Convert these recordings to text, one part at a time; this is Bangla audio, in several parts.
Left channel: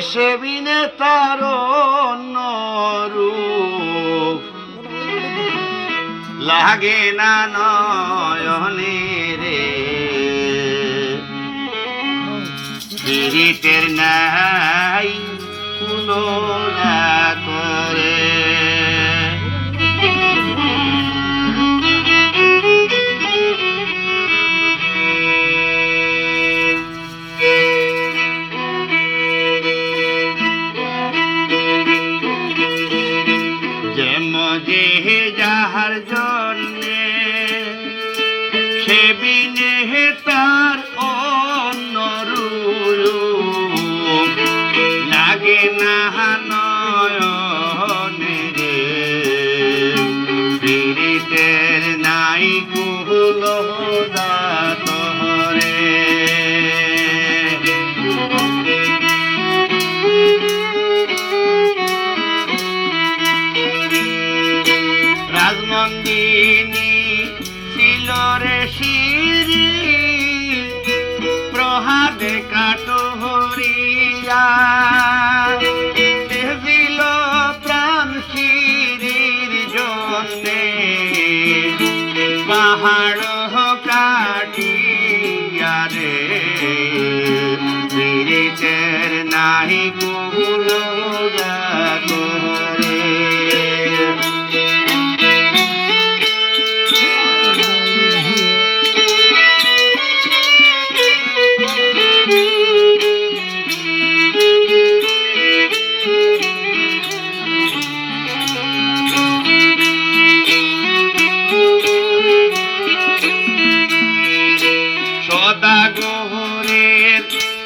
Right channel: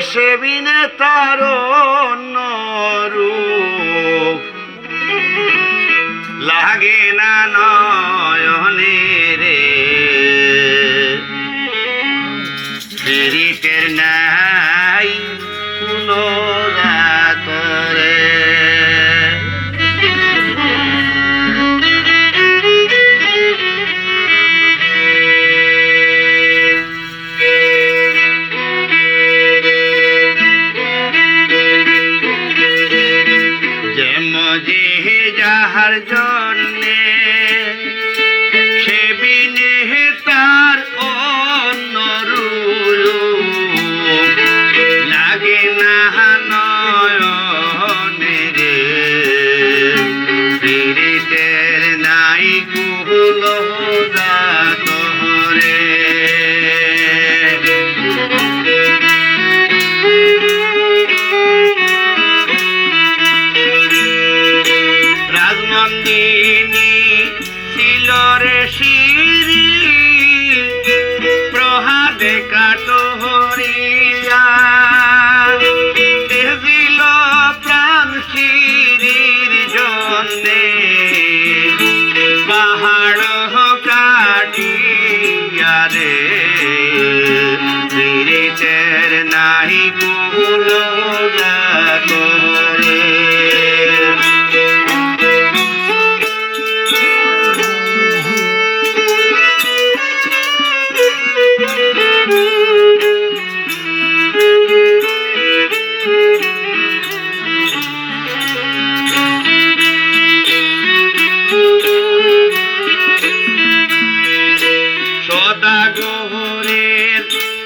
সেবিনে তার রূপ। লাগে না নয়নে রে পীড়িতের নাই কোনো যেমজি যাহার জন্যে Yucateca.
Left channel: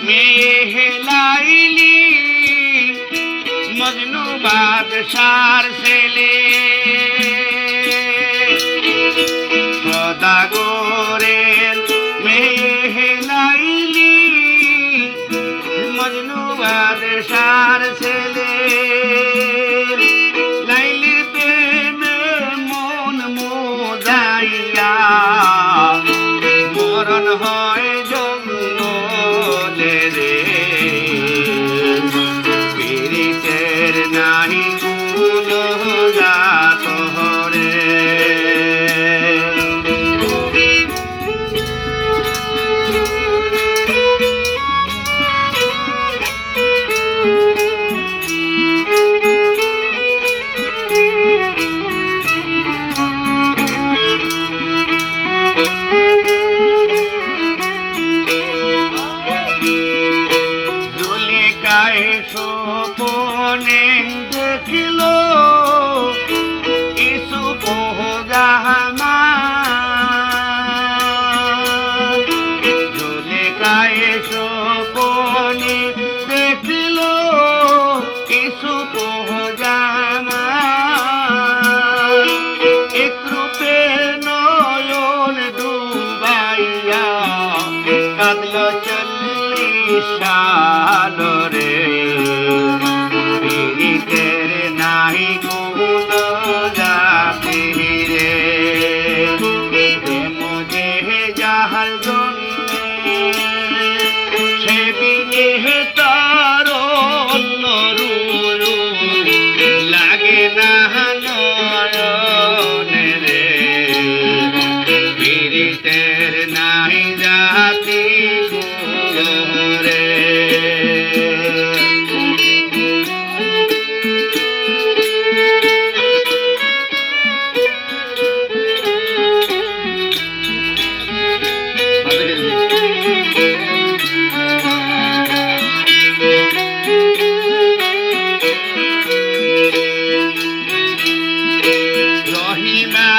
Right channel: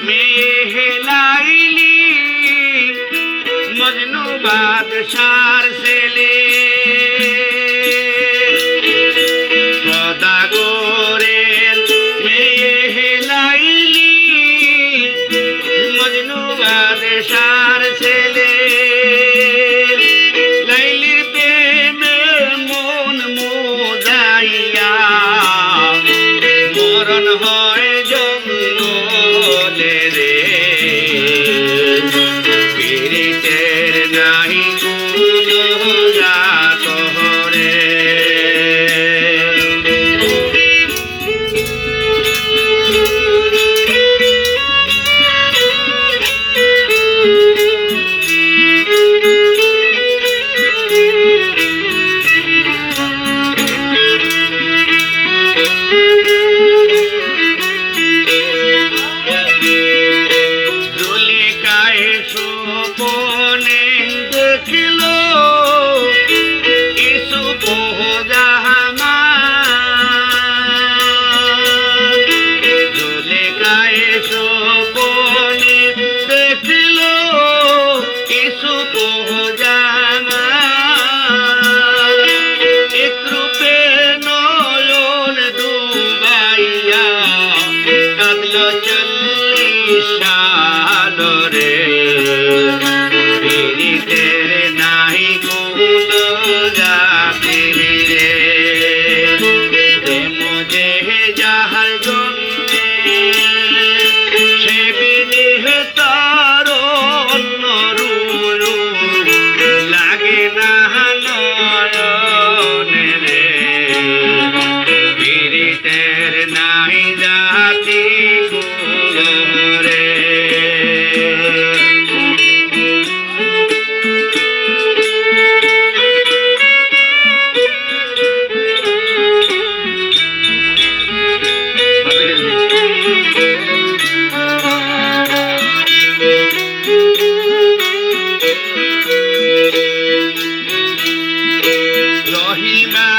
মেয়ে হেলাইলি মজনু বাদশার ছেলে নাহি কুল যাতে রে। প্রেম যে যাহার জন্যে, সে বিদেহ তার লাগে না নয়নে রে। পীড়িতের নাই জাতি রে Rahima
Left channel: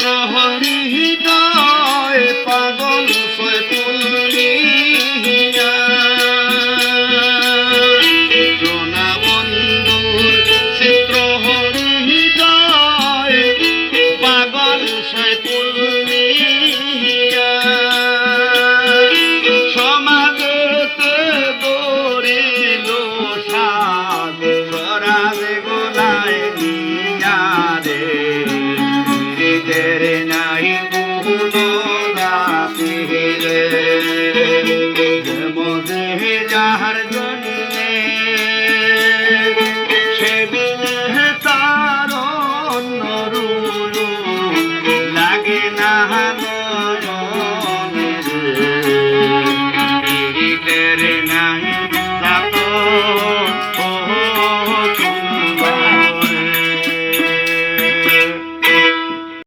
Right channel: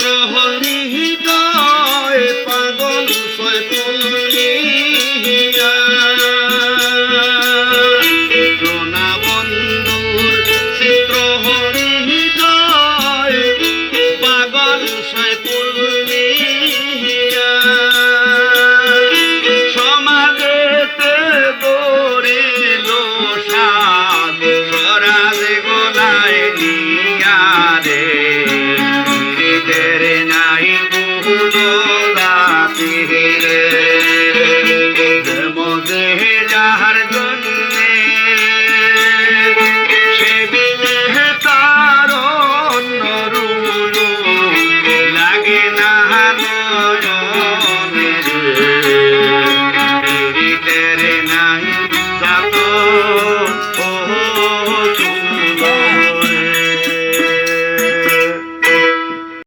প্রহরী